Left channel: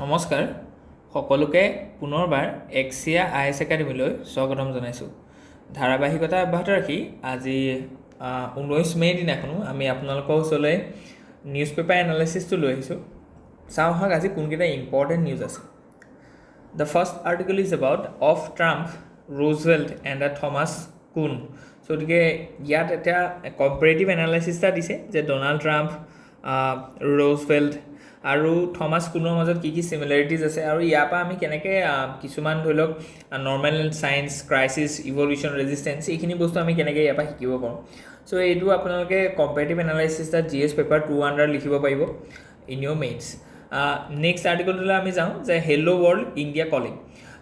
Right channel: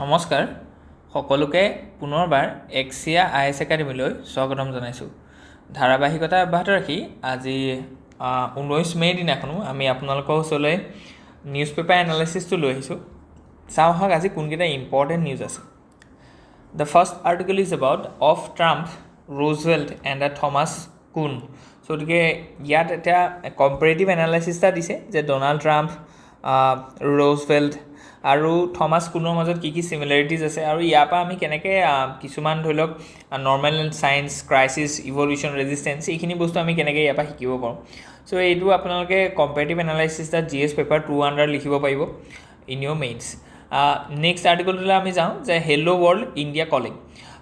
নমস্কাৰ সকলোকে পুনৰবাৰ এক্সিয়া আইএছ একাডেমীলৈ স্বাগতম জনাইছোঁ। ধাৰাবাহিকতা অব্যাহত ৰাখি আজি 19 মে' দিনাখনো আমি আপোনালোকৰ ওচৰলৈ নিউজ পেপাৰ এনালাইচিছটো লৈ আহিছোঁ। চাওঁ আহক আজি কোনকেইটা ইম্পৰ্টেণ্ট নিউজ আছে। The first article is about of Trump, Roosevelt and the Thomas কুন। চ' গতিকে ইয়াত এতিয়া কম্পেৰেটিভ এনালাইচিছ এটা দিছে যে ডনাল্ড ট্ৰাম্প, ৰুজভেল্ট আৰু থমাছ কুনৰ মাজত কি কি চিমিলাৰিটিজ আছে আৰু ইয়াৰ পৰা আমি কেনেকৈ কিছুমান ধৰি লওক normal science, crisis, evolution, resistance এইখিনি বস্তু আমি কেনেকৈ ইয়াৰ পৰা শিকিব পাৰোঁ। চ' এইটো আপোনালোকে কম্পেৰেটিভ এনালাইচিছ এটা GS পেপাৰ 2 আণ্ডাৰ লিখিব পাৰিব ইন ইয়ৰ মেইনছ। নেক্সট আৰ্টিকলটোলৈ আমি যাওঁ যে hello' world India calling.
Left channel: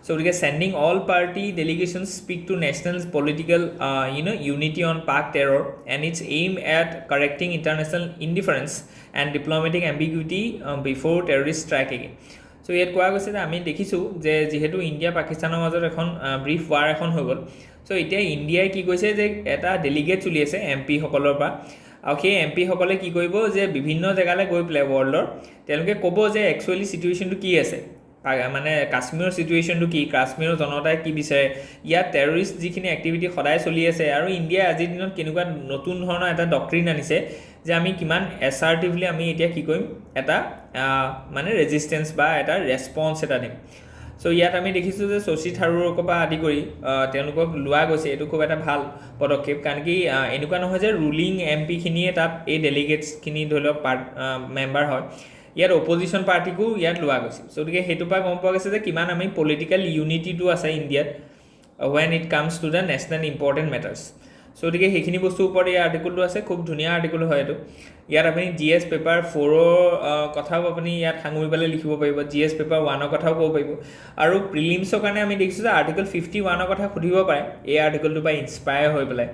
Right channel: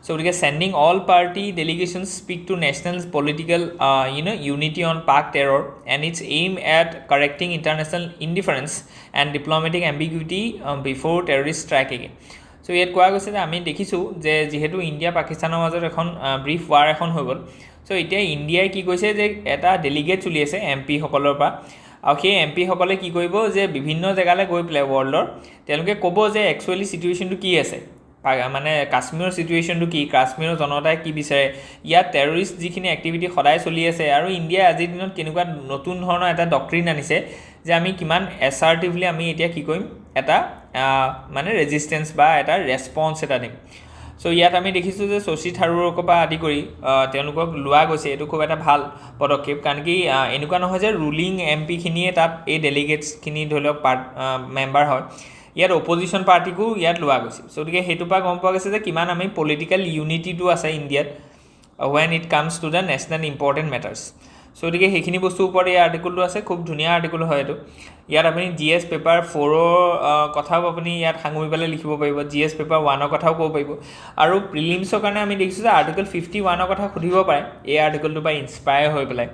So' গতিকে sending all party delegation speak to national political unity on Pak terror and its aim at correcting international indifference and diplomatic ambiguity before terrorist strike again. So' ইয়াত কোৱা গৈছে যে আমি দেখিছোঁ যে যিহেতু India পাকিস্তানৰ মাজত এখন ব্ৰিফ ৱাৰ এখন হৈ গ'ল। চ' এতিয়া ইণ্ডিয়াই কি কৈছে যে এটা ডেলিগেট চলি আছে MP সকলৰ পৰা, আৰু সেই MP সকলে কি কৰিব যে বিভিন্ন জেগালৈ গৈ পেলাই ৱৰ্ল্ডৰ তেওঁলোকে ক'ব যে একচুৱেলি চিটুৱেশ্যনটো কি আছে, মানে কাশ্মীৰৰ চিটুৱেশ্যনটো কি, কাশ্মীৰৰ জনতাই কি বিচাৰে, ইয়াত টেৰৰিষ্ট যিখিনি এক্টিভিটি সদায় চলি আছে আৰু ইণ্ডিয়াই আজিৰ দিনত কেনেকুৱা নতুন ধৰণৰ এটা ডক্ট্ৰিন আনিছে যে আমি কিমান এছাৰ্টিভলি আমি এতিয়া কি কৰিম, এটা মানে ৰেজিষ্টেঞ্চ বা এটা ৰেছপন্স এটা দিম। চ' ইয়াত আমি দেখিছোঁ যে শশী থাৰুৰৰ পৰা আদি কৰি তেওঁলোকক লোৱা গৈছে। এইটো খুব এটা ভাল পদক্ষেপ, কাৰণ কি এনেকুৱা নহয় যে ৰুলিং MP খিনিয়ে তাত এই ডেলিগেটছখিনি ধৰি লওক মেম্বাৰ হয়, ইয়াত অপজিশ্যন পাৰ্টিকো ইয়াত লোৱা গৈছে। চ' গতিকে সেইটোৰ পৰা গম পোৱা গৈছে যে কিমান আমি পলিটিকেল ইউনিটিটো আছে ইণ্ডিয়াত when it comes to the national important matters. So' গতিকে সেইখিনি বস্তুৰ ওপৰত এই আৰ্টিকলটো আছে, খুব ধুনীয়া আৰ্টিকল হয় এইটো। ইয়াত আপুনি GS পেপাৰ 4ৰ কথাও আপুনি ইয়াত সাঙুৰি পেলাই লিখিব পাৰিব, GS পেপাৰ 1ৰ কথাও ক'ব পাৰিব, আৰু প্ৰিলিমছৰ কাৰণে আমি দেখিছোঁ যে আৰ্টিকল 51ৰ কথা সুধিব পাৰে এই আৰ্টিকলটোৰ পৰা ইনস্পায়াৰ হৈ পেলাই,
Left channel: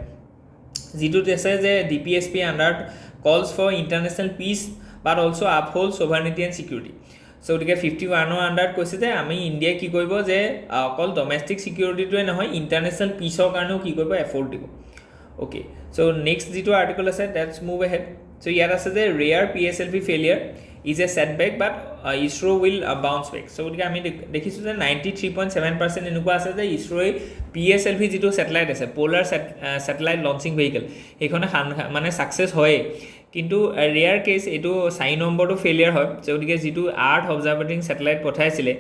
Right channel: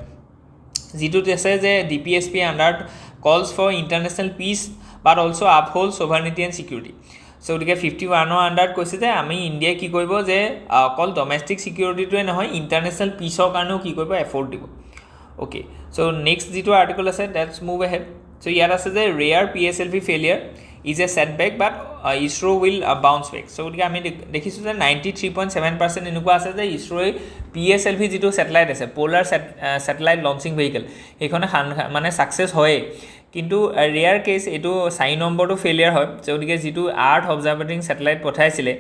যিটোত আছে যে DPSP under calls for international peace but also' uphold sovereignty and security. So' গতিকে 51ৰ আণ্ডাৰত কৈছে যে আমি ইণ্ডিয়াই কি কৰিব যে অকল ডমেষ্টিক ছিকিউৰিটিটোৱে নহয়, ইণ্টাৰনেশ্যনেল পিচৰ কাৰণেও কি কৰিব, এফৰ্ট দিব। অ'কে, চ' নেক্সট যিটো আৰ্টিকল আছে ডেটছ মুভ এহেড। চ' ইয়াত আছে যে rare PSLV failure is a setback but ISRO' will bounce back. So' গতিকে আমি দেখিছোঁ যে 93.7% এনেকুৱা আছে যে ইছৰ'ই PSLV যিটো ছেটেলাইট আছে, প'লাৰ ছেটেলাইট লঞ্চিং ভেহিকেল, সেইখনে মানে ছাকচেছ হয়েই, কিন্তু ৰেয়াৰ কেছ এইটো 4 নম্বৰটো ফেইলিয়াৰ হয়। গতিকে যিটো আৰ্থ অবজাৰ্ভেটিং ছেটেলাইট পঠাইছিলে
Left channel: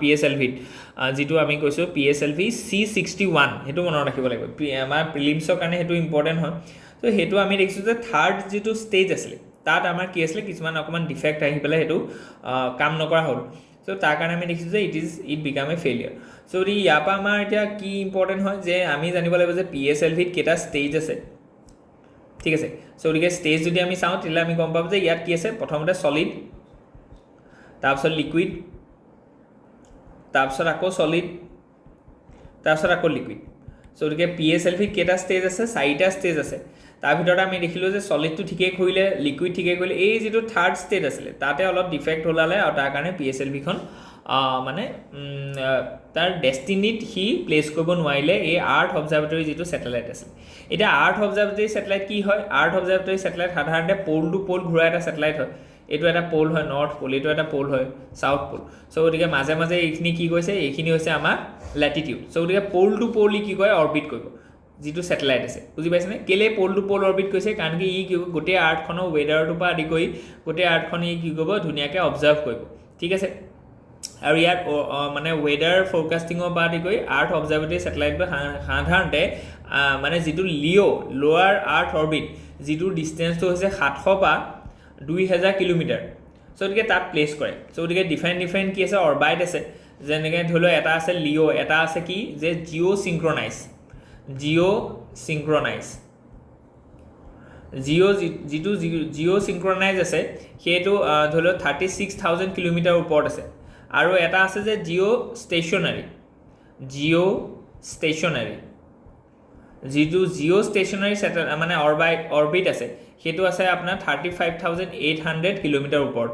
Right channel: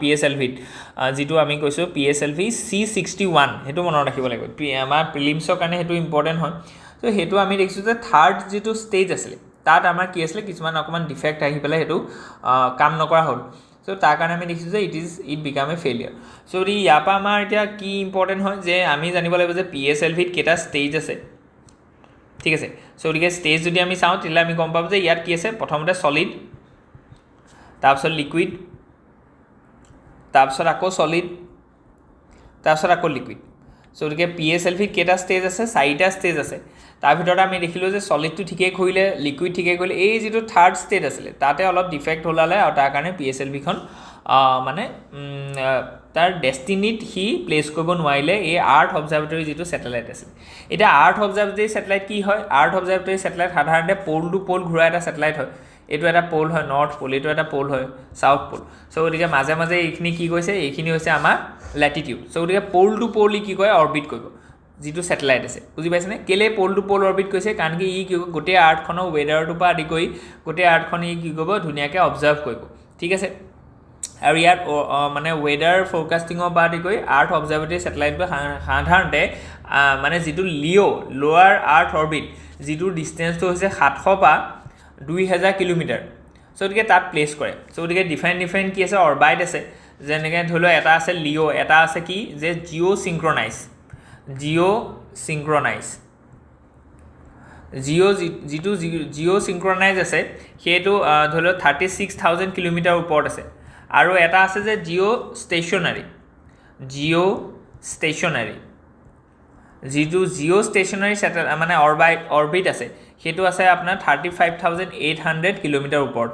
PSLVত, যিটো আমি কৈছোঁ PSLV C61, সেইটো মনত ৰাখিব লাগিব, আমাৰ প্ৰিলিমছৰ কাৰণে সেইটো ইম্পৰ্টেণ্ট হয়। ত' সেইটো আমি দেখিছোঁ যে থাৰ্ড যিটো ষ্টেজ আছিলে তাত আমাৰ কি আছিলে, কিছুমান অকণমান ডিফেক্ট আহি পেলাই সেইটো কাম নকৰা হ'ল। চ' তাৰ কাৰণে আমি দেখিছোঁ যে ইট বিকাম এ ফেইলিয়াৰ। চ' ইয়াৰ পৰা আমাৰ এতিয়া কি ইম্পৰ্টেণ্ট হয় যে আমি জানিব লাগিব যে PSLVত কেইটা ষ্টেজ আছে, ঠিক আছে। চ' গতিকে ষ্টেজ যদি আমি চাওঁ তেতিয়াহ'লে আমি গম পাম যে ইয়াত কি আছে, প্ৰথমতে ছলিড, তাৰপিছত লিকুইড, তাৰপিছত আকৌ ছলিড, তাৰপিছত আকৌ লিকুইড। চ' গতিকে PSLVত কেইটা ষ্টেজ আছে, 4টা ষ্টেজ আছে। তাৰ ভিতৰত আমি দেখিলোঁ যে ছলিডটো ঠিকেই কৰিলে, লিকুইড ঠিকেই কৰিলে, এই যিটো থাৰ্ড ষ্টেট আছিলে তাতে অলপ ডিফেক্ট ওলালে, আৰু তাৰ কাৰণে PSLVখন মানে তাৰ ডেষ্টিনিত সি প্লেচ কৰিব নোৱাৰিলে এই আৰ্থ অবজাৰ্ভেটৰী যিটো ছেটেলাইট আছে। এতিয়া আৰ্থ অবজাৰ্ভেটৰী ছেটেলাইট কি হয়, আৰ্থ অবজাৰ্ভেটৰী ছেটেলাইট সাধাৰণতে প'ল টু প'ল ঘূৰা এটা ছেটেলাইট হয়। এইটো এটা প'ল হয় নৰ্থ প'ল, এইটো এটা প'ল হয় ছাউথ প'ল। চ' গতিকে মাজে মাজে এইখিনি কি কৈছে, এইখিনি হৈছে আমাৰ লেটিটিউড। চ' গতিকে প'ল টু প'ল ই কি কৰে, অৰ্বিট কৰিব যিটো ছেটেলাইট আছে, বুজি পাইছেনে? কেলৈ প'ল টু প'ল অৰ্বিট কৰিছে, কাৰণ কি ই কি কৰিব, গোটেই আৰ্থখনৰ ৱেডাৰটোৰ পৰা আদি কৰি গোটেই আৰ্থখন ই কি কৰিব, ধুনীয়াকৈ অবজাৰ্ভ কৰিব, ঠিক আছে। আৰু ইয়াত মানে ৱেডাৰ ফ'ৰকাষ্টিঙৰ পৰা আদি কৰি আৰ্থ অবজাৰ্ভেটৰী ছেটেলাইটবোৰ সাধাৰণতে মানে যিটো লোৱাৰ আৰ্থ অৰ্বিট, যিটো ডিষ্টেঞ্চটো হৈছে 700 পৰা 2000 কিলোমিটাৰ। চ' গতিকে তাত প্লেচ কৰে। চ' গতিকে ডিফাৰেণ্ট কি আছে, অৰ্বাইট আছে, যেনেকৈ ধৰি লওক এটা আছে এটা আছে কি যে জিঅ' চিংক্ৰনাইজ, যিটো জিঅ' চিংক্ৰনাইজ আছে সেইটো ধৰি লওক 36,000 কিলোমিটাৰ ওপৰত আছে। আৰু এটা আছে যে জিঅ' ষ্টেচনাৰী, যিটো জিঅ' ষ্টেচনাৰী মানে অৰ্বিট আছে সেইটো আছে আপোনাৰ 35,800 কিলোমিটাৰ ওপৰত,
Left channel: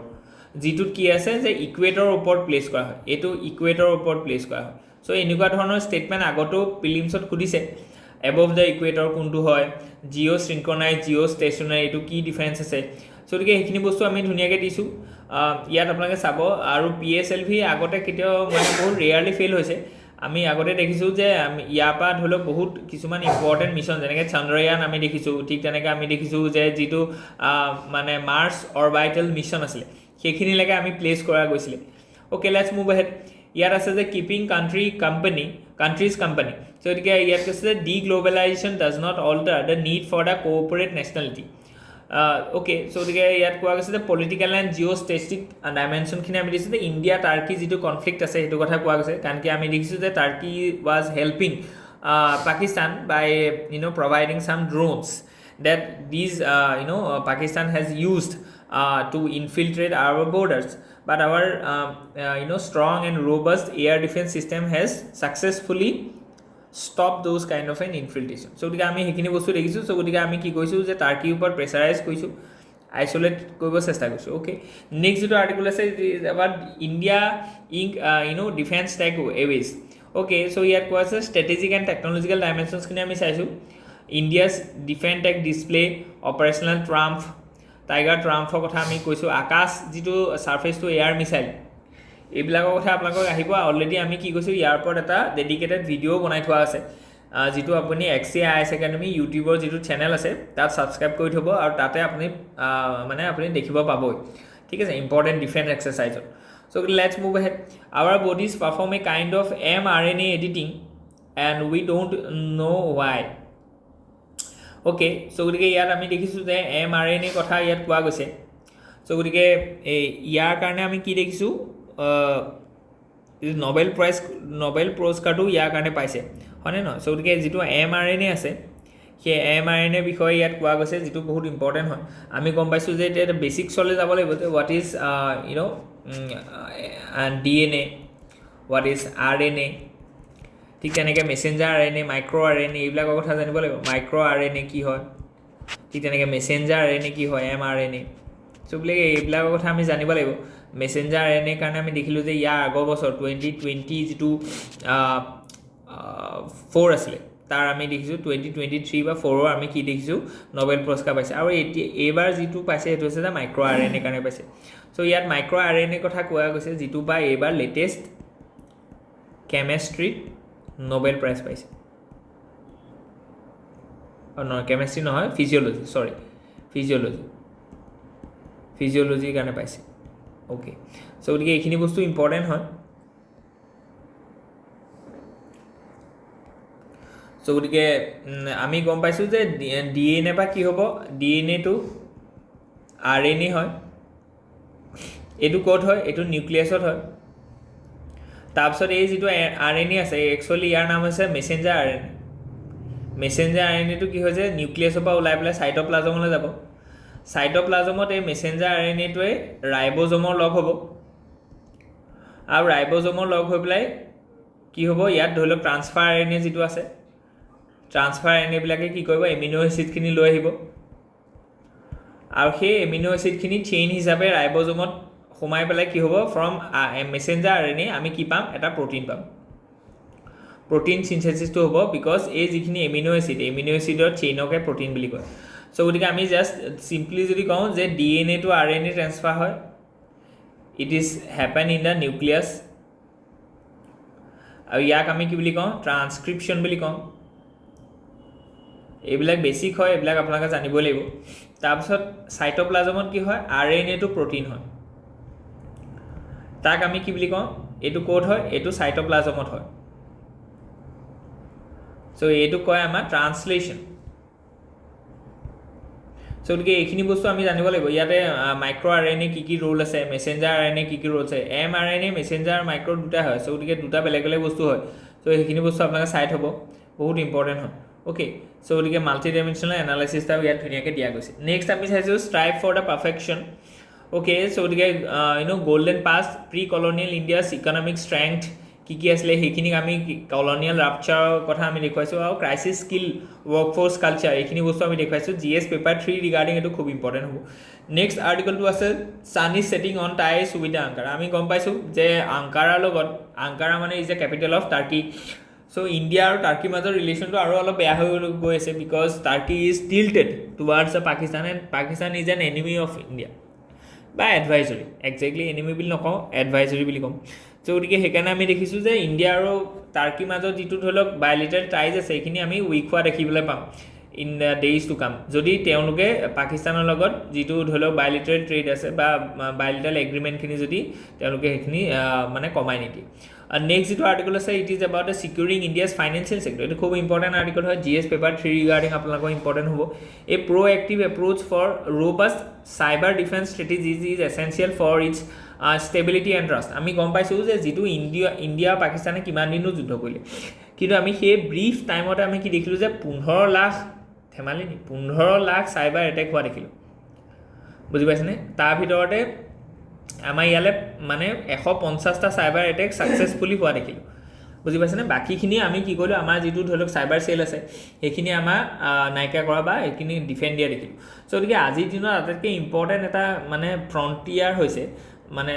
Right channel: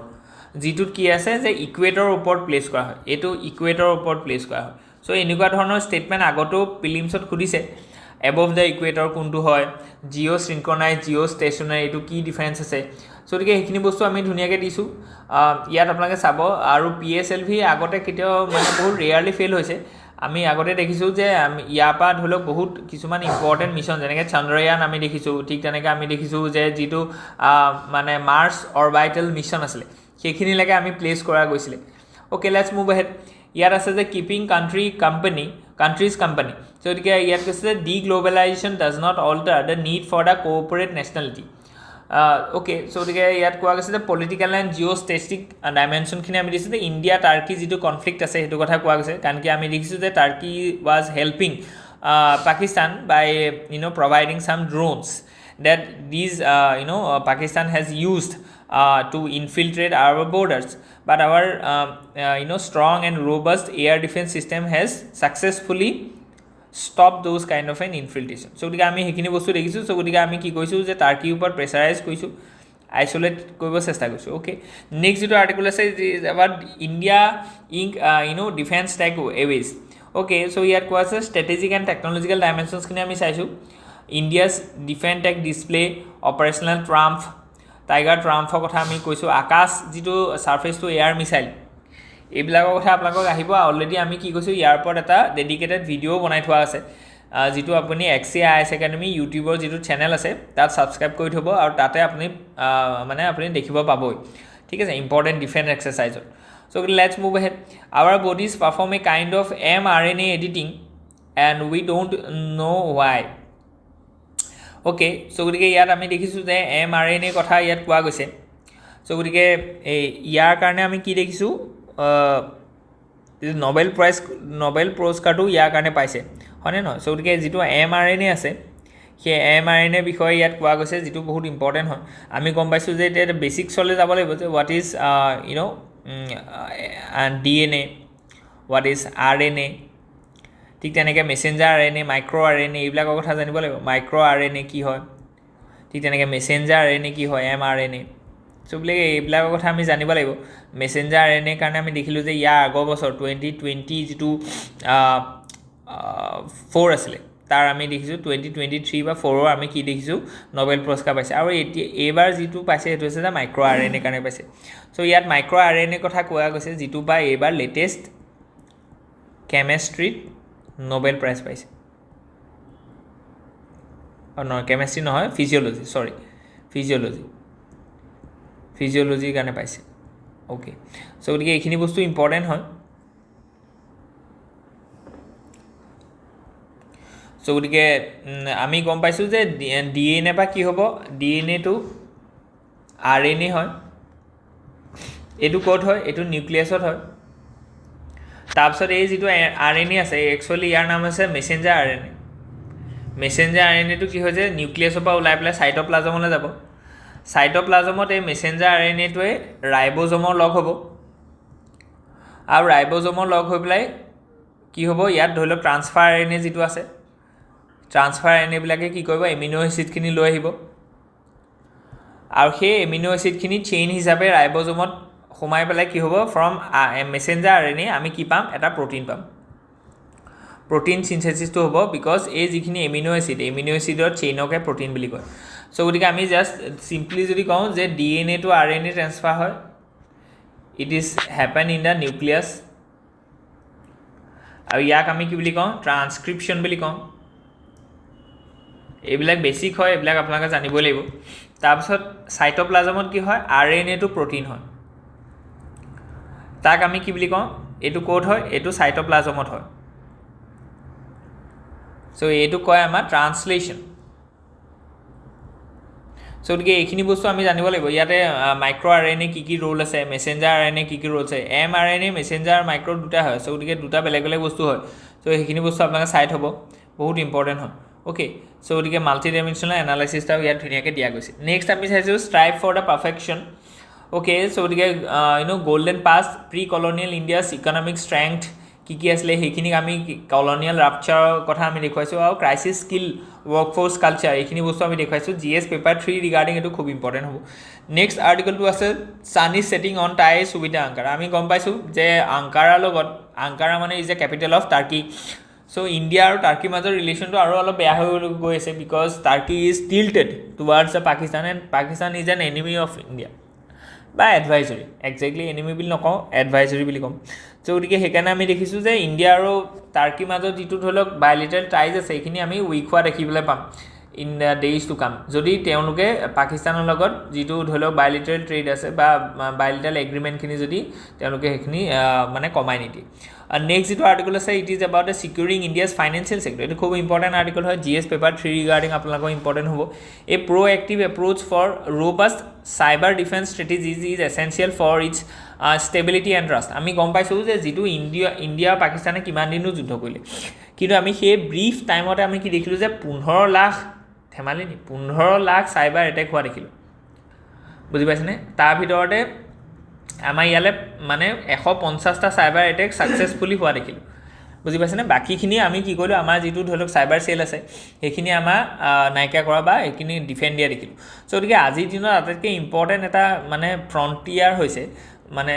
যিটোত কি আছে যে ইকুৱেটৰৰ ওপৰত প্লেচ কৰা হয়, এইটো ইকুৱেটৰৰ ওপৰত প্লেচ কৰা হয়। চ' এনেকুৱা ধৰণৰ ষ্টেটমেণ্ট আগতেও প্ৰিলিমছত সুধিছে, এবভ দ্য ইকুৱেটৰ কোনটো হয়, জিঅ' চিংক্ৰনাইজ, জিঅ' ষ্টেচনাৰী, এইটো কি ডিফাৰেঞ্চ আছে। চ' গতিকে সেইখিনি বস্তু আমি ধুনীয়াকৈ দিছোঁ ইয়াত আপোনালোকে চাব আৰু PSLV আগতে কেতিয়াও মানে বহুত ৰেয়াৰলি ফেইল হৈছে আমি আগতে দেখিছোঁ যে আমি ইয়াৰ পৰা ধৰি লওক বহুত কিছুমান ইম্পৰ্টেণ্ট মিছন যেনেকৈ চন্দ্ৰয়ান আমি দেখিছোঁ ঠিক তেনেকৈ আমি দেখিছোঁ যে যিটো মানে মাৰ্চ অৰবাইটেল মিছন আছিলে সেইখিনিলৈকে আমি প্লেচ কৰা গৈছিলে অ'কে লেটছ মুভ এহেড ইয়াত আছে যে কিপিং কাণ্ট্ৰিজ কোম্পানী চ' গতিকে ইয়াত কৈছে যে deglobalisation does not alter the need for the cooperate nationality okay so' গতিকে ইয়াত কোৱা গৈছে যে পলিটিকেল এণ্ড জিঅ' ষ্টেটিক ডাইমেনশ্যনখিনি আমি দিছোঁ যে ইণ্ডিয়া টাৰ্কি যিটো কনফ্লিক্ট আছে সেইটো কথা কোৱা গৈছে কাৰণ কি আমি দেখিছোঁ যে Turkey was helping Pakistan by providing some drones that these Pakistan has used to infiltrate our borders but our strong and robust air defense system has successfully stopped those kind of an infiltration so gotike ami hekini bostu dekhisu so gotike ami ki koisu je turkey upor pressurize koisu isolate koibo chesta koisu okay next jeto article ase is about India Inc defense tech aways okay so here ko ase strategic and technological dimensions kini ami saisu India's defense tech display operational triumph tiger ট্ৰাম্পৰ কথা আমি কৈছোঁ আকাশ যিটো surface to air missile এইবিলাকৰ কথা আপোনালোকক আহিব already আমি কি কৈছোঁ ইয়াৰ ওপৰত এটা ডেডিকেটেড ভিডিঅ' বনাই থোৱা আছে যিটো আপুনি XCIS একাডেমি ইউটিউবৰ যিটো চেনেল আছে তাত ছাবস্ক্ৰাইব কৰি থ'ব আৰু তাতে আপুনি আপুনি দেখিব পাবই ঠিক আছে ইম্পৰ্টেণ্ট ডিফেন্স এক্সাৰচাইজৰ so' let's move ahead our bodies perform a kind of mRNA editing and we don't know' why okay so' গতিকে ইয়াত আমি দেখিছোঁ যে mRNA কথা ইয়াত কোৱা গৈছে চ' গতিকে ইয়াৰ কাৰণে আমি কি দেখিছোঁ নবেল পুৰস্কাৰটো ইয়াৰ কাৰণে পাইছে হয়নে নহয় চ' গতিকে যিটো mRNA আছে সেই mRNA বিষয়ে ইয়াত কোৱা গৈছে যিটো বহুত ইম্পৰ্টেণ্ট হয় আমি গম পাইছোঁ যে এতিয়া বেচিক্সলৈ যাব লাগিব যে what is DNA what is RNA ঠিক তেনেকৈ মেছেঞ্জাৰ RNA মাইক্ৰ' RNA এইবিলাকৰ কথা জানিব লাগিব মাইক্ৰ' RNA কি হয় ঠিক তেনেকৈ মেছেঞ্জাৰ RNA কি হয় mRNA চ' বোলে এইবিলাকৰ কথা আমি জানিব লাগিব মেছেঞ্জাৰ RNA কাৰণে আমি দেখিলোঁ যে ইয়াৰ আগৰ বছৰ 2020 যিটো 4 আছিলে তাৰ আমি দেখিছোঁ 2023 বা 4ৰ আমি কি দেখিছোঁ নবেল পুৰস্কাৰ পাইছে আৰু এইবাৰ যিটো পাইছে সেইটো হৈছে যে মাইক্ৰ' RNA কাৰণে পাইছে চ' ইয়াত মাইক্ৰ' RNA কথা কোৱা গৈছে যিটো বা এইবাৰ লেটেষ্ট কেমেষ্ট্ৰিত নবেল প্ৰাইজ পাইছে নহয় কেমেষ্ট্ৰি নহয় ফিজিঅ'লজিৰ কাৰণে পাইছে অ'কে চ' গতিকে এইখিনি বস্তু ইম্পৰ্টেণ্ট হয় চ' গতিকে আমি গম পাইছোঁ যে DNA বা কি হ'ব DNAটো RNA হয় এইটো ক'ত হয় এইটো নিউক্লিয়াছত হয় তাৰপিছত এই যিটো RNA আছে একচুৱেলি ইয়াৰ নাম হৈছে মেছেঞ্জাৰ RNAটো কি হয় যে নিউক্লিয়াছৰ পৰা ওলাই পেলাই চাইট'প্লাজমলৈ যাব চাইট'প্লাজমত এই মেছেঞ্জাৰ RNAটোৱে ৰাইব'জমৰ লগ হ'ব আৰু ৰাইব'জমৰ লগ হৈ পেলাই কি হ'ব ইয়াত ধৰি লওক ট্ৰান্সফাৰ RNA যিটো আছে ট্ৰান্সফাৰ RNAবিলাকে কি কৰিব এমিনো এচিডখিনি লৈ আহিব আৰু সেই এমিনো এচিডখিনি চেইন হিচাপে ৰাইব'জমত সোমাই পেলাই কি হ'ব ফ্ৰম মেছেঞ্জাৰ RNA আমি কি পাম এটা প্ৰ'টিন পাম প্ৰ'টিন চিনথেচিছটো হ'ব বিকজ এই যিখিনি এমিনো এচিডৰ চেইনকে প্ৰ'টিন বুলি কয় চ' গতিকে আমি জাষ্ট চিম্পলি যদি কওঁ যে DNA টু RNA ট্ৰেন্সফাৰ হয় it is happen in the nucleus আৰু ইয়াক আমি কি বুলি কওঁ ট্ৰান্সক্ৰিপশ্যন বুলি কওঁ এইবিলাক বেছিক হয় এইবিলাক আপোনালোকে জানিবই লাগিব তাৰপিছত চাইট'প্লাজমত কি হয় RNA টু প্ৰ'টিন হয় তাক আমি কি বুলি কওঁ এইটো ক'ত হয় এইটো চাইট'প্লাজমত হয় চ' এইটো কয় আমাৰ ট্ৰান্সলেশ্যন চ' গতিকে এইখিনি বস্তু আমি জানিব লাগিব ইয়াতে মাইক্ৰ' RNA কি ৰোল আছে মেছেঞ্জাৰ RNA কি ৰোল আছে mRNA মেছেঞ্জাৰ আৰু মাইক্ৰ' দুটা হয় চ' গতিকে দুটা বেলেগ বেলেগ বস্তু হয় চ' সেইখিনি বস্তু আপোনালোকে চাই থ'ব বহুত ইম্পৰ্টেণ্ট হয় অ'কে চ' গতিকে মাল্টি ডাইমেনশ্যনেল এনালাইচিছটাও ইয়াত ধুনীয়াকৈ দিয়া গৈছে নেক্সট আমি চাইছোঁ strive for the perfection okay so' গতিকে golden past precolonial India's economic strength কি আছিলে সেইখিনিক আমি কলনিয়েল ৰাপচাৰৰ কথা আমি দেখুৱাইছোঁ আৰু ক্ৰাইচিছ স্কিল ৱৰ্কফ'ৰ্চ কালচাৰ এইখিনি বস্তু আমি দেখুৱাইছোঁ GS পেপাৰ 3 ৰিগাৰ্ডিং এইটো খুব ইম্পৰ্টেণ্ট হ'ব নেক্সট আৰ্টিকলটো আছে sun is setting on ties with Ankara আমি গম পাইছোঁ যে আংকাৰাৰ লগত আংকাৰা মানে is a capital of Turkey so' so' India আৰু টাৰ্কিৰ মাজৰ ৰিলেশ্যনটো আৰু অলপ বেয়া হৈ গৈ আছে because Turkey is tilted towards the Pakistan and Pakistan is an enemy of India বা এডভাইজৰী একজেক্টলি এনিমি বুলি নকওঁ এডভাইজৰী বুলি ক'ম চ' গতিকে সেইকাৰণে আমি দেখিছোঁ যে ইণ্ডিয়া আৰু টাৰ্কিৰ মাজত যিটো ধৰি লওক বায়'লেটাৰেল টাইজ আছে সেইখিনি আমি উইক হোৱা দেখিবলৈ পাম in the days to come যদি তেওঁলোকে পাকিস্তানৰ লগত যিটো ধৰি লওক বায়'লেটাৰেল ট্ৰেড আছে বা বায়'লেটাৰেল এগ্ৰিমেণ্টখিনি যদি তেওঁলোকে সেইখিনি মানে কমাই নিদিয়ে নেক্সট যিটো আৰ্টিকল আছে it is about the securing India's financial sector এইটো খুব ইম্পৰ্টেণ্ট আৰ্টিকল হয় GS পেপাৰ 3 ৰিগাৰ্ডিং আপোনালোকৰ ইম্পৰ্টেণ্ট হ'ব a proactive approach for robust cyber defence strategies is essential for its stability and trust আমি গম পাইছোঁ যে যিটো ইণ্ডিয়া আৰু পাকিস্তানে কিমান দিনো যুদ্ধ কৰিলে কিন্তু আমি সেই ব্ৰিফ টাইমতে আমি কি দেখিলোঁ যে 15 লাখ ধেমালি নি 15 লাখ চাইবাৰ এটেক হোৱা দেখিলোঁ বুজি পাইছেনে তাৰ ভিতৰতে আমাৰ ইয়ালৈ মানে 150টা চাইবাৰ এটেক ছাকচেছফুলি হোৱা দেখিলোঁ বুজি পাইছেনে বাকীখিনি আমি কি কৰিলোঁ আমাৰ যিটো ধৰি লওক চাইবাৰ চেল আছে সেইখিনি আমাৰ নাইকিয়া কৰা বা সেইখিনি ডিফেণ্ড দিয়া দেখিলোঁ চ' গতিকে আজিৰ দিনত আটাইতকৈ ইম্পৰ্টেণ্ট এটা মানে ফ্ৰণ্টিয়াৰ হৈছে মানে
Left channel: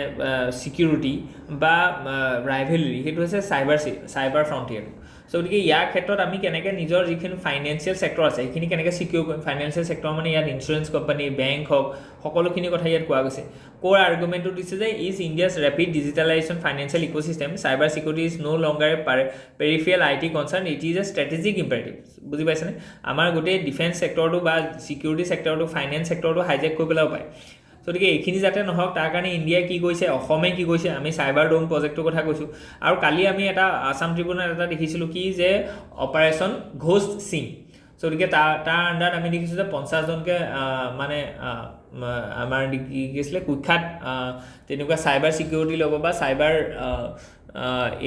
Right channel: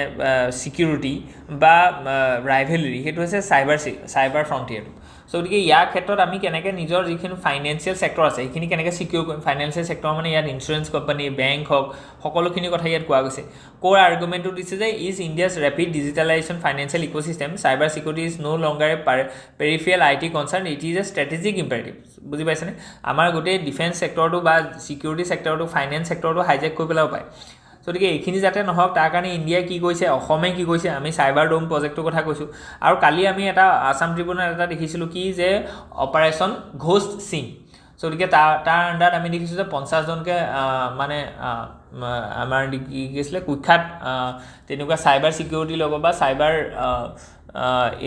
ছিকিউৰিটি বা ৰাইভেলৰি সেইটো হৈছে চাইবাৰ ফ্ৰণ্টিয়াৰটো চ' গতিকে ইয়াৰ ক্ষেত্ৰত আমি কেনেকৈ নিজৰ যিখিনি ফাইনেন্সিয়েল ছেক্টৰ আছে সেইখিনি কেনেকৈ ছিকিউৰ কৰিম ফাইনেন্সিয়েল ছেক্টৰ মানে ইয়াত ইঞ্চুৰেঞ্চ কোম্পানী বেংক হওক সকলোখিনি কথা ইয়াত কোৱা গৈছে ক'ৰ আৰ্গুমেণ্টটো দিছে যে is India's rapid digitalisation financial ecosystem cyber security is no' longer a peripheral IT concern it is a strategic imperative বুজি পাইছেনে আমাৰ গোটেই ডিফেন্স ছেক্টৰটো বা ছিকিউৰিটি ছেক্টৰটো ফাইনেন্স ছেক্টৰটো হাইজেক কৰি পেলাব পাৰে গতিকে এইখিনি যাতে নহওক তাৰ কাৰণে ইণ্ডিয়াই কি কৰিছে অসমে কি কৰিছে আমি চাইবাৰ ডোম প্ৰজেক্টৰ কথা কৈছোঁ আৰু কালি আমি এটা আছাম ট্ৰিবিউনত এটা দেখিছিলোঁ কি যে অপাৰেশ্যন ঘোষ্ট সিং চ' গতিকে তাৰ আণ্ডাৰত আমি দেখিছোঁ যে 50জনকৈ মানে আমাৰ কি আছিলে কুখ্যাত তেনেকুৱা চাইবাৰ ছিকিউৰিটিৰ লগত বা চাইবাৰ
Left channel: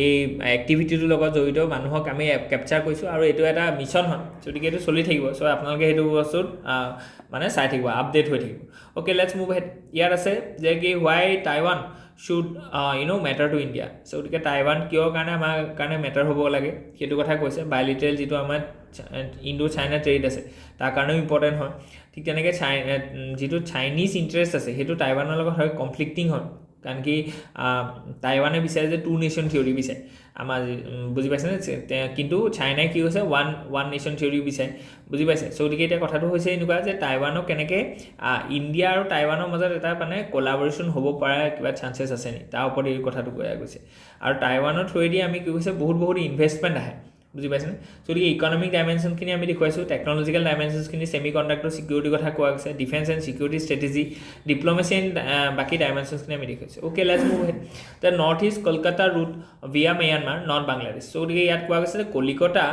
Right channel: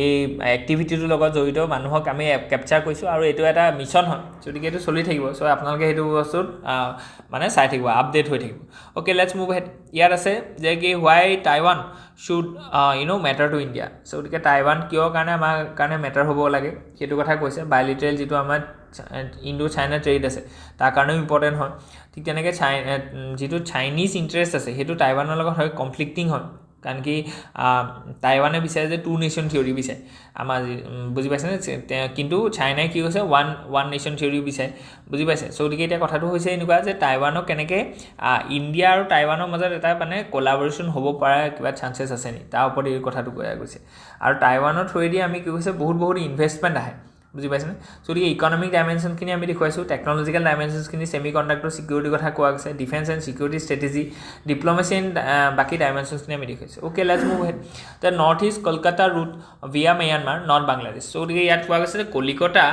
এই এক্টিভিটিটোৰ লগত জড়িত মানুহক আমি কেপচাৰ কৰিছোঁ আৰু এইটো এটা মিছন হয় গতিকে এইটো চলি থাকিব চ' আপোনালোকে সেইটো বস্তুত মানে চাই থাকিব আপডেট হৈ থাকিব অ'কে লেটছ মুভ হেড ইয়াত আছে যে কি why Taiwan should matter to India so' গতিকে টাইৱান কিয় কাৰণে আমাৰ কাৰণে মেটাৰ হ'ব লাগে সেইটো কথা কৈছে বায়'লেটাৰেল যিটো আমাৰ ইণ্ডো চাইনা ট্ৰেড আছে তাৰ কাৰণেও ইম্পৰ্টেণ্ট হয় ঠিক তেনেকৈ যিটো চাইনিজ ইণ্টাৰেষ্ট আছে সেইটো টাইৱানৰ লগত হয় কনফ্লিক্টিং হয় কাৰণ কি টাইৱানে বিচাৰে যে 2 নেশ্যন থিয়ৰী বিচাৰে আমাৰ বুজি পাইছেনে কিন্তু চাইনাই কি কৈছে ওৱান নেশ্যন থিয়ৰী বিচাৰে বুজি পাইছে চ' গতিকে এতিয়া কথাটো হৈছে এনেকুৱা যে টাইৱানক কেনেকৈ ইণ্ডিয়া আৰু টাইৱানৰ মাজত এটা মানে কলাবৰেশ্যন হ'ব পৰা কিবা চান্সেছ আছে নি তাৰ ওপৰত এই কথাটো কোৱা গৈছে আৰু টাইৱানৰ থ্ৰুৱেদি আমি কি কৈছে বহুত ইনভেষ্টমেণ্ট আহে বুজি পাইছেনে গতিকে ইকনমিক ডাইমেনশ্যনখিনি আমি দেখুৱাইছোঁ টেকনলজিকেল ডাইমেনশ্যনখিনি ছেমি কণ্ডাক্টৰ ছিকিউৰিটিৰ কথা কোৱা গৈছে defence and security strategy diplomacy and বাকী ডাইমেনশ্যনখিনি আমি দেখুৱাইছোঁ okay let's move head the north east Kolkata route via Myanmar not Bangladesh so' গতিকে ইয়াত কোৱা গৈছে যে কলিকতা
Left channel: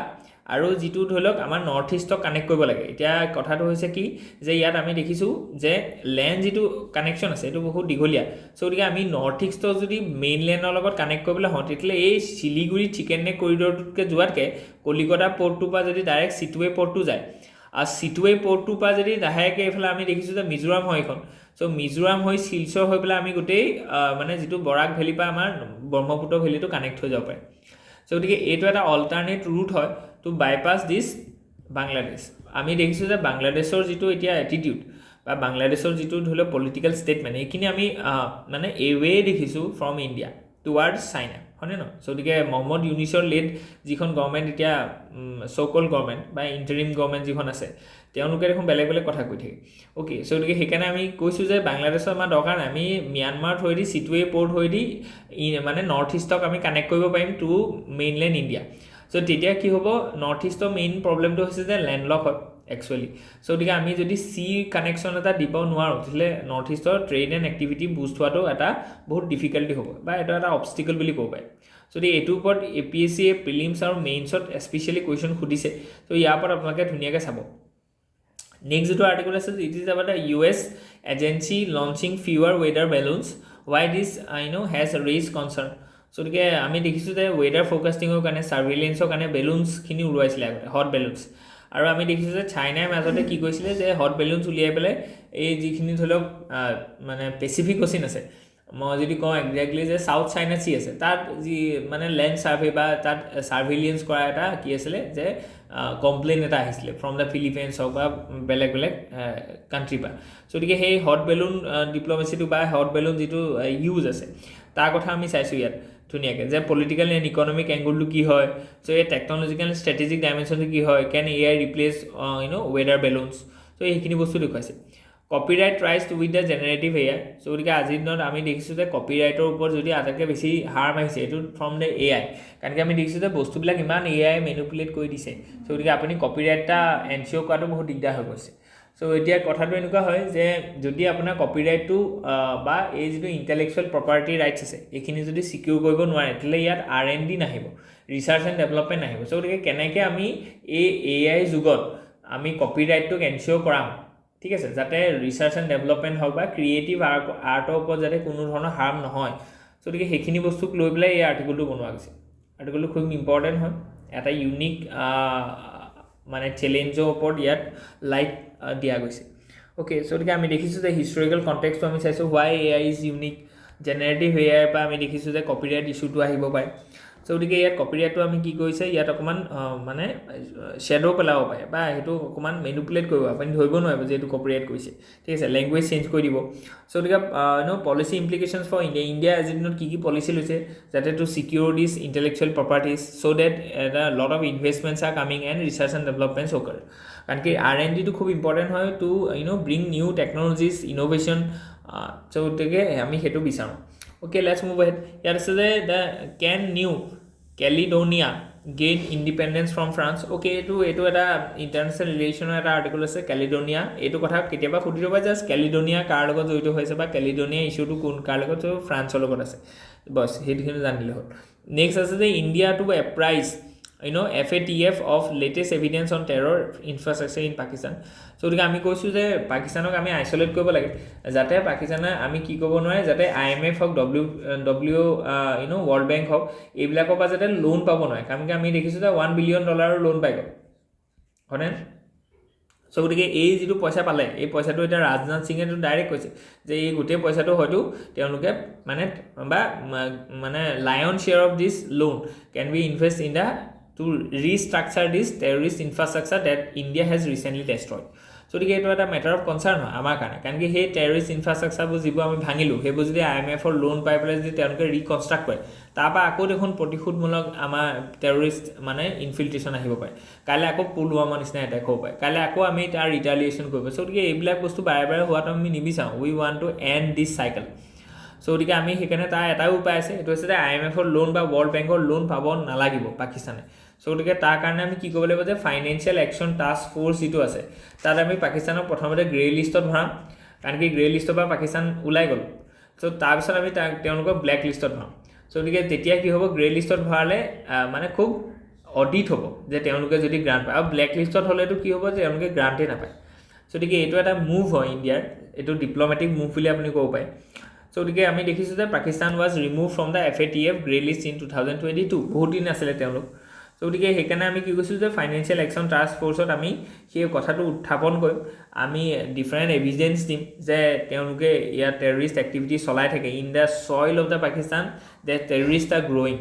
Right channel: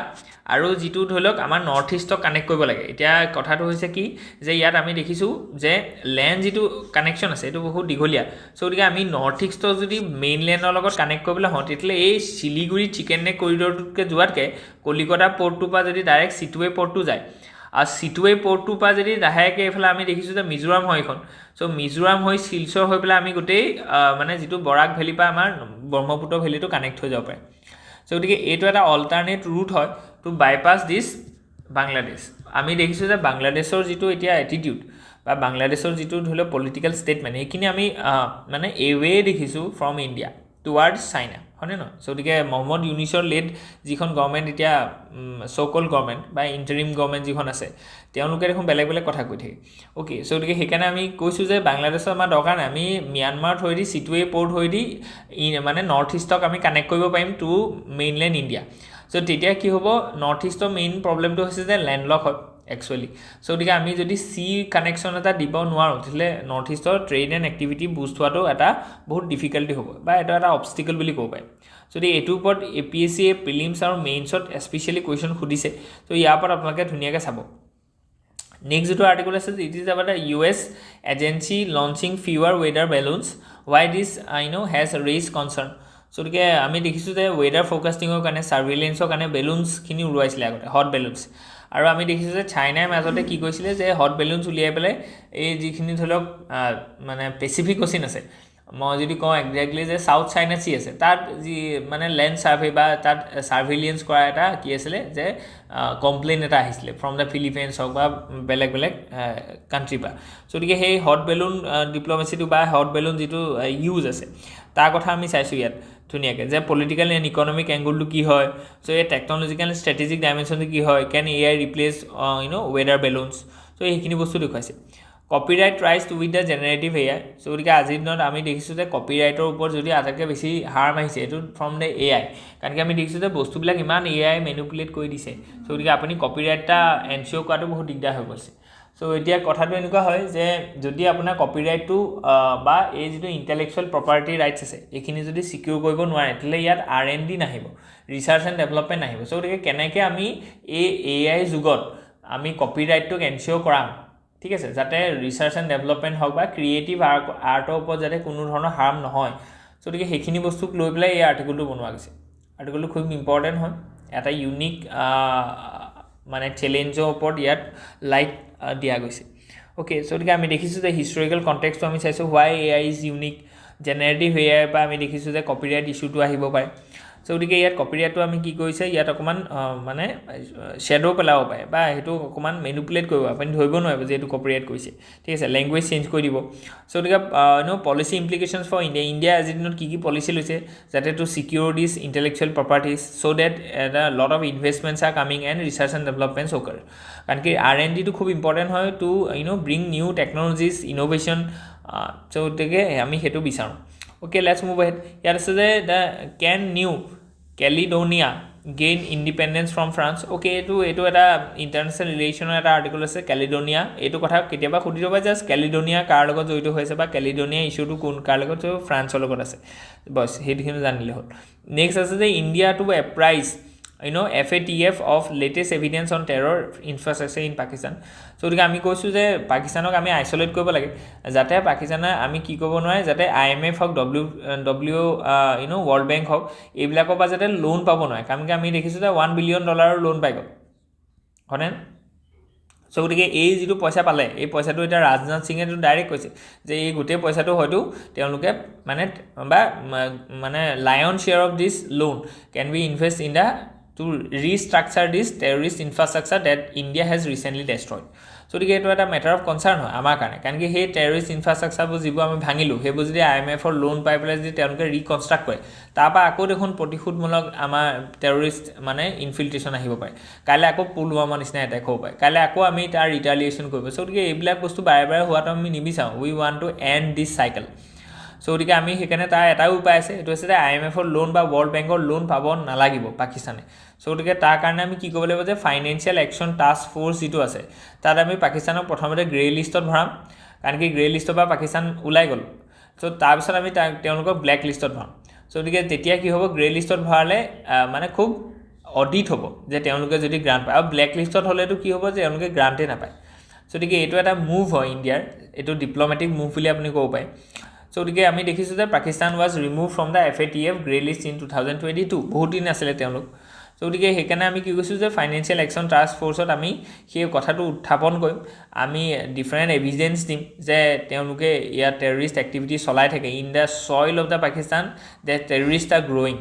আৰু যিটো ধৰি লওক আমাৰ নৰ্থ ইষ্টক কানেক্ট কৰিব লাগে এতিয়া কথাটো হৈছে কি যে ইয়াত আমি দেখিছোঁ যে লেণ্ড যিটো কানেকশ্যন আছে এইটো বহুত দীঘলীয়া চ' গতিকে আমি নৰ্থ ইষ্টক যদি মেইনলেণ্ডৰ লগত কানেক্ট কৰিবলৈ হওঁ তেতিয়াহ'লে এই শিলিগুৰি চিকেন নেক কৰিডৰটোতকৈ যোৱাতকৈ কলিকতা পৰ্টটোৰ পৰা যদি ডাইৰেক্ট চিটুৱে পৰ্টটো যায় আৰু চিটুৱে পৰ্টটোৰ পৰা যদি লাহেকৈ এইফালে আমি দেখিছোঁ যে মিজোৰাম হয় এইখন চ' মিজোৰাম হৈ শিলচৰ হৈ পেলাই আমি গোটেই মানে যিটো বৰাক ভেলীৰ পৰা আমাৰ ব্ৰহ্মপুত্ৰ ভেলীটো কানেক্ট হৈ যাব পাৰে চ' গতিকে এইটো এটা অল্টাৰনেট ৰুট হয় টু বাইপাছ দিছ বাংলাদেশ আমি দেখিছোঁ যে বাংলাদেশৰ যিটো এতিয়া এটিটিউড বা বাংলাদেশৰ যিটো ধৰি লওক পলিটিকেল ষ্টেটমেণ্ট এইখিনি আমি মানে এৱে দেখিছোঁ ফ্ৰম ইণ্ডিয়া টুৱাৰ্ডছ চাইনা হয়নে নহয় চ' গতিকে মহম্মদ ইউনিছৰ লেড যিখন গভৰ্ণমেণ্ট এতিয়া চ'কল গভৰ্ণমেণ্ট বা ইণ্টাৰিম গভৰ্ণমেণ্ট যিখন আছে তেওঁলোকে দেখোন বেলেগ কথা কৈ থাকে অ'কে চ' গতিকে সেইকাৰণে আমি কৈছোঁ যে বাংলাদেশৰ আমাৰ দৰকাৰ নাই আমি ম্যানমাৰ থ্ৰুৱেদি চিটুৱে পৰ্ট থ্ৰুৱেদি মানে নৰ্থ ইষ্টক আমি কানেক্ট কৰিব পাৰিম টু মেইনলেণ্ড ইণ্ডিয়া চ' তেতিয়া কি হ'ব নৰ্থ ইষ্টৰ মেইন প্ৰব্লেমটো হৈছে যে লেণ্ডলক হয় একচুৱেলি চ' গতিকে আমি যদি চি কানেকশ্যন এটা দিব নোৱাৰোঁ তেতিয়াহ'লে নৰ্থ ইষ্টৰ ট্ৰেড এণ্ড এক্টিভিটি বুষ্ট হোৱাটো এটা বহুত ডিফিকাল্টি হ'ব বা এইটো এটা অবষ্টিকল বুলি ক'ব পাৰি যদি এইটোৰ ওপৰত APSC প্ৰিলিমছ আৰু মেইনছত স্পেচিয়েলি কুৱেশ্যন সুধিছে ত' ইয়াৰ ওপৰত আপোনালোকে ধুনীয়াকৈ চাব নেক্সট যিটো আৰ্টিকল আছে it is about US agency launching fewer weather balloons why this has raise concern so' গতিকে আমি দেখিছোঁ যে ৱেডাৰ ফ'ৰকাষ্টিঙৰ কাৰণে ছাৰ্ভেইলেঞ্চৰ কাৰণে বেলুনছখিনি উৰুৱাইছিলে আগতে হট বেলুনছ আৰু আমি দেখিছোঁ যে চাইনাই মাজতে কি কৈছিলে যে হট বেলুনছ উলিয়াই পেলাই এই যিখিনি ধৰি লওক মানে পেচিফিক অচিন আছে মই যদি কওঁ একজেক্টলি যে চাউথ চাইনা চি আছে, তাত যি মানে লেণ্ড ছাৰ্ভে বা তাত ছাৰ্ভেইলেঞ্চ কৰা এটা কি আছিলে যে কমপ্লেইন এটা আহিছিলে ফ্ৰম দ্য ফিলিপাইনছ হওক বা বেলেগ বেলেগ কাণ্ট্ৰিৰ পৰা। চ' গতিকে সেই হট বেলুন ডিপ্ল'মেচিটো বা হট বেলুন যিটো ইউজ আছে তাৰ কথা আমি চাইছোঁ ইয়াত ধুনীয়াকৈ, যে পলিটিকেল এণ্ড ইকনমিক এংগলটো কি হয়, চ' এই টেকনলজিকেল ষ্ট্ৰেটেজিক ডাইমেনশ্যনটো কি হয়, can AI replace weather balloons, so' সেইখিনি বস্তু দেখুৱাইছে। Copyright rise to with the generative AI, so' গতিকে আজিৰ দিনত আমি দেখিছোঁ যে কপিৰাইটৰ ওপৰত যদি আটাইতকৈ বেছি হাৰ্ম আহিছে এইটো ফ্ৰম দ্য AI, কাৰণ কি আমি দেখিছোঁ যে বস্তুবিলাক ইমান AI মেনিপুলেট কৰি দিছে। চ' গতিকে আপুনি কপিৰাইট এটা এনচিঅ'ৰ কৰাটো বহুত দিগদাৰ হৈ গৈছে। চ' এতিয়া কথাটো এনেকুৱা হয় যে যদি আপোনাৰ কপিৰাইটটো বা এই যিটো ইণ্টেলেকচুৱেল প্ৰপাৰ্টি ৰাইটছ আছে এইখিনি যদি ছিকিউৰ কৰিব নোৱাৰে, তেতিয়াহ'লে ইয়াত R&D নাহিব, ৰিচাৰ্চ এণ্ড ডেভেলপমেণ্ট নাহিব। চ' গতিকে কেনেকৈ আমি এই AI যুগত আমি কপিৰাইটটোক এনচিঅ'ৰ কৰাম, ঠিক আছে, যাতে ৰিচাৰ্চ এণ্ড ডেভেলপমেণ্ট হওক বা ক্ৰিয়েটিভ আৰ্টৰ ওপৰত যাতে কোনো ধৰণৰ হাৰ্ম নহয়। চ' গতিকে সেইখিনি বস্তুক লৈ পেলাই এই আৰ্টিকলটো বনোৱা গৈছে। আৰ্টিকলটো খুব ইম্পৰ্টেণ্ট হয়, এটা ইউনিক মানে চেলেঞ্জৰ ওপৰত ইয়াত লাইট দিয়া গৈছে। অ'কে, চ' গতিকে আমি দেখিছোঁ যে হিষ্টৰিকেল কণ্টেক্সটো আমি চাইছোঁ, হোৱাই AI is unique, generative AI পৰা আমি দেখিছোঁ যে কপিৰাইট ইছ্যুটো আহিব পাৰে। চ' গতিকে ইয়াত কপিৰাইটটো আমি কি কৰিছে, ইয়াত অকণমান মানে শ্বেডো পেলাব পাৰে বা সেইটো অকণমান মেনিপুলেট কৰিব, আপুনি ধৰিব নোৱাৰিব যে এইটো কপিৰাইট কৰিছে, ঠিক আছে, লেংগুৱেজ চেঞ্জ কৰি দিব। চ' গতিকে পলিচি ইমপ্লিকেশ্যনছ ফৰ ইণ্ডিয়া আজিৰ দিনত কি কি পলিচি লৈছে, যাতে to secure this intellectual properties so' that lot of investments are coming and research and developments occur, কাৰণ কি R&Dটো খুব ইম্পৰ্টেণ্ট হয় to bring new technologies innovation. So' গতিকে আমি সেইটো বিচাৰোঁ। Okay, let's move ahead. ইয়াত আছে যে the can New Caledonia gain independence from France. Okay, এইটো এটা ইণ্টাৰনেশ্যনেল ৰিলেশ্যনৰ এটা আৰ্টিকল আছে, কেলিডোনিয়া। এইটো কথা কেতিয়াবা সুধি ল'বা, জাষ্ট কেলিডোনিয়া কাৰ লগত জড়িত হৈছে বা কেলিডোনিয়া ইছ্যুটো কাৰ লগত, ফ্ৰান্সৰ লগত আছে, বছ সেইখিনি জানিলে হ'ল। নেক্সট আছে যে India to apprise FATF of latest evidence on terror infrastructure in Pakistan. So' গতিকে আমি কৈছোঁ যে পাকিস্তানক আমি আইচলেট কৰিব লাগে, যাতে পাকিস্তানে আমি কি কৰিব নোৱাৰে, যাতে IMF হওক, ৱৰ্ল্ড বেংক হওক, এইবিলাকৰ পৰা যাতে লোন পাব নোৱাৰে, কাৰণ কি আমি দেখিছোঁ যে $1 বিলিয়ন লোন পাই গ'ল, হয়নে? চ' গতিকে এই যিটো পইচা পালে, এই পইচাটো এতিয়া ৰাজনাথ সিঙেতো ডাইৰেক্ট কৈছে যে এই গোটেই পইচাটো হয়তো তেওঁলোকে মানে lion share of this loan can be invest in the to restructure this terrorist infrastructure that India has recently destroyed. So' গতিকে এইটো এটা মেটাৰ অফ কনচাৰ্ণ হয় আমাৰ কাৰণে, কাৰণ কি সেই টেৰৰিষ্ট ইনফ্ৰাষ্ট্ৰাকচাৰবোৰ যিবোৰ আমি ভাঙিলোঁ, সেইবোৰ যদি IMFৰ লোন পাই পেলাই যদি তেওঁলোকে ৰিকনষ্ট্ৰাক্ট কৰে, তাৰপৰা আকৌ দেখোন প্ৰতিশোধমূলক আমাৰ টেৰৰিষ্ট মানে ইনফিল্ট্ৰেশ্যন আহিব পাৰে, কাইলৈ আকৌ পুলৱামাৰ নিচিনা এটেক হ'ব পাৰে, কাইলৈ আকৌ আমি তাৰ ৰিটালিয়েশ্যন কৰিব। চ' গতিকে এইবিলাক বস্তু বাৰে বাৰে হোৱাটো আমি নিবিচাৰোঁ। We want to end this cycle. So' গতিকে আমি সেইকাৰণে তাৰ এটাই উপায় আছে, এইটো হৈছে যে IMFৰ লোন বা ৱৰ্ল্ড বেংকৰ লোন পাব নালাগিব পাকিস্তানে। চ' গতিকে তাৰ কাৰণে আমি কি কৰিব লাগিব, যে ফাইনেন্সিয়েল একশ্যন টাস্ক ফ'ৰ্চ যিটো আছে তাত আমি পাকিস্তানক প্ৰথমতে গ্ৰে লিষ্টত ভৰাম, কাৰণ কি গ্ৰে লিষ্টৰ পৰা পাকিস্তান ওলাই গ'ল। চ' তাৰপিছত আমি তেওঁলোকক ব্লেক লিষ্টত ভৰাম। চ' গতিকে তেতিয়া কি হ'ব, গ্ৰে লিষ্টত ভৰালে মানে খুব অডিট হ'ব যে তেওঁলোকে যদি গ্ৰাণ্ট পায়, আৰু ব্লেক লিষ্টত হ'লেতো কি হ'ব, যে তেওঁলোকে গ্ৰাণ্টেই নাপায়। চ' গতিকে এইটো এটা মুভ হয় ইণ্ডিয়াৰ, এইটো ডিপ্ল'মেটিক মুভ বুলি আপুনি ক'ব পাৰে। চ' গতিকে আমি দেখিছোঁ যে Pakistan was remove from the FATF grey list in 2022, বহুত দিন আছিলে তেওঁলোক। চ' গতিকে সেইকাৰণে আমি কি কৈছোঁ যে ফাইনেন্সিয়েল একশ্যন টাস্ক ফ'ৰ্চত আমি সেই কথাটো উত্থাপন কৰিম, আমি ডিফাৰেণ্ট এভিডেঞ্চ দিম যে তেওঁলোকে ইয়াত টেৰৰিষ্ট এক্টিভিটি চলাই থাকে in the soil of the Pakistan, the terrorist R growing.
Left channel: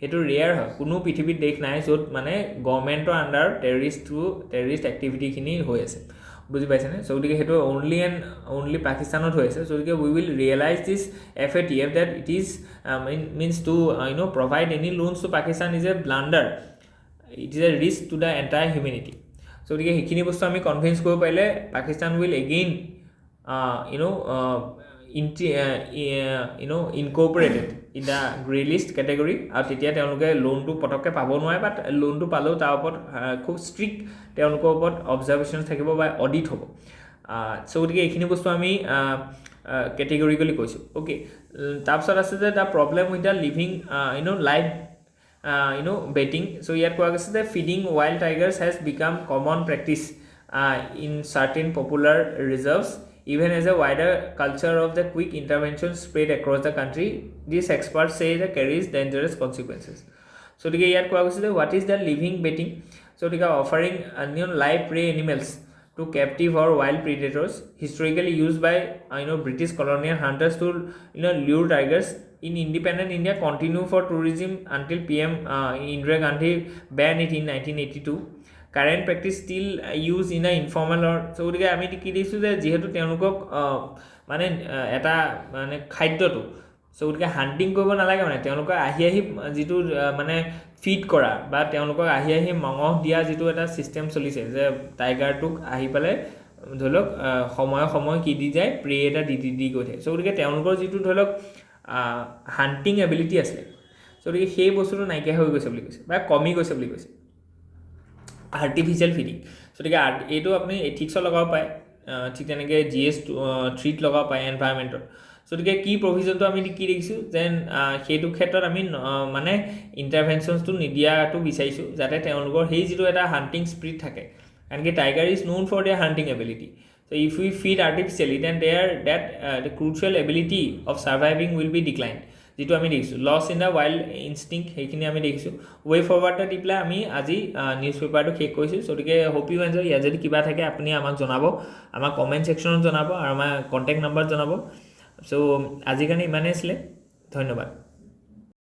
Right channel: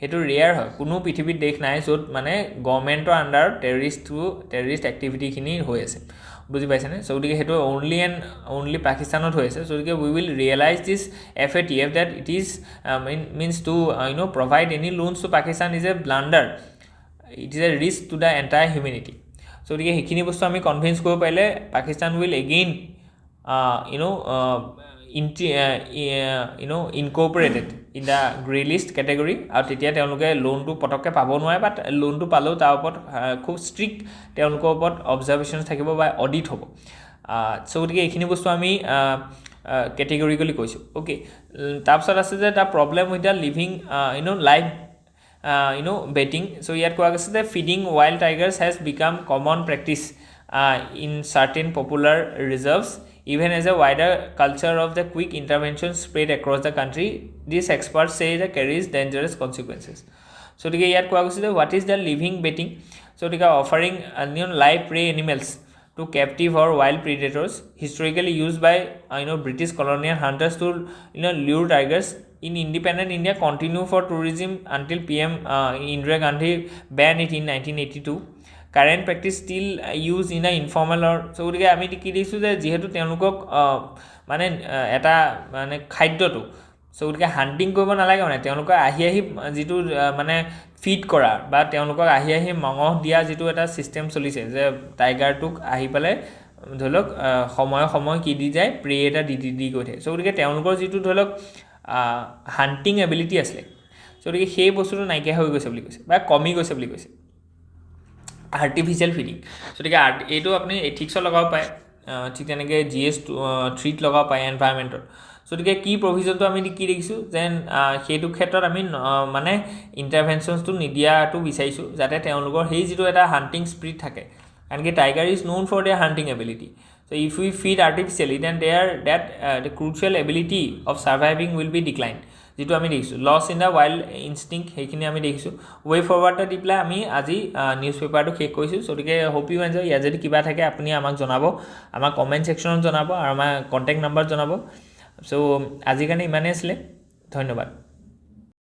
সেইটো ৰেয়াৰ হয়, কোনো পৃথিৱীত দেশ নাই য'ত মানে গভৰ্ণমেণ্টৰ আণ্ডাৰত টেৰৰিষ্ট এক্টিভিটিখিনি হৈ আছে, বুজি পাইছেনে? চ' গতিকে সেইটো অনলি পাকিস্তানত হৈ আছে। চ' গতিকে we will realise this FATF that it is means to provide any loans to Pakistan is a blunder, it is a risk to the entire humanity. So' গতিকে সেইখিনি বস্তু আমি কনভিন্স কৰিব পাৰিলে Pakistan will again incorporated in the grey list category, আৰু তেতিয়া তেওঁলোকে লোনটো পটককৈ পাব নোৱাৰে, বা লোনটো পালেও তাৰ ওপৰত খুব ষ্ট্ৰিক্ট তেওঁলোকৰ ওপৰত অবজাৰ্ভেশ্যন থাকিব বা অডিট হ'ব। চ' গতিকে এইখিনি বস্তু আমি কেটেগৰিকেলি কৈছোঁ। অ'কে, তাৰপিছত আছে যে the problem with the living life betting. So' ইয়াত কোৱা গৈছে যে feeding wild tigers has become common practice in certain popular reserves, even as a wider culture of the quick intervention spread across the country, these experts say that carries dangerous consequences. So ইয়াত কোৱা গৈছে যে what is the living betting? So offering live prey animals to captive or wild predators, historically used by British colonial hunters to lure tigers. In independent India, continue for tourism until PM Indira Gandhi banned it in 1982. Current practice still used in a informal or so গতিকে আমি কি দেখিছোঁ যে যিহেতু তেওঁলোকক মানে এটা মানে খাদ্যটো চ' গতিকে হাণ্টিং কৰিব নালাগে মানে তেওঁলোকক আহি যিটো মানে ফিড কৰা বা তেওঁলোকক আহি মঙহ দিয়া যিটো এটা ছিষ্টেম চলিছে যে টাইগাৰটোক আহি পেলাই ধৰি লওক সময় কি দি যায় প্ৰে এটা দি গৈ থাকে চ' গতিকে তেওঁলোকৰ যিটো ধৰি লওক হাণ্টিং এবিলিটি আছিলে চ' গতিকে সেই বস্তুটো নাইকিয়া হৈ গৈছে বুলি কৈছে বা কমি গৈছে বুলি কৈছে আৰ্টিফিচিয়েল ফিডিং গতিকে এইটো আপুনি এথিক্সত লগাব পাৰে ঠিক তেনেকৈ GS3 লগাব পাৰে এনভাইৰমেণ্টৰ গতিকে কি প্ৰভিজনটো আমি কি দেখিছোঁ যেন সেইটো ক্ষেত্ৰত আমি মানে ইণ্টাৰভেনশ্যনছটো নিদিয়াটো বিচাৰিছোঁ যাতে তেওঁলোকৰ সেই যিটো এটা হাণ্টিং স্পিৰিট থাকে কাৰণ কি tiger is known for their hunting ability so' if we feed artificially then that the crucial ability of surviving will be decline যিটো আমি দেখিছোঁ loss in the wild instinct সেইখিনি আমি দেখিছোঁ ৱে ফৰৱাৰ্ডটা দি পেলাই আমি আজি নিউজ পেপাৰটো শেষ কৰিছোঁ গতিকে হোপ ইউ এনজয় ইয়াত যদি কিবা থাকে আপুনি আমাক জনাব আমাক কমেণ্ট ছেকশ্যনত জনাব আৰু আমাৰ কণ্টেক্ট নাম্বাৰত জনাব চ' আজিৰ কাৰণে ইমানেই আছিলে ধন্যবাদ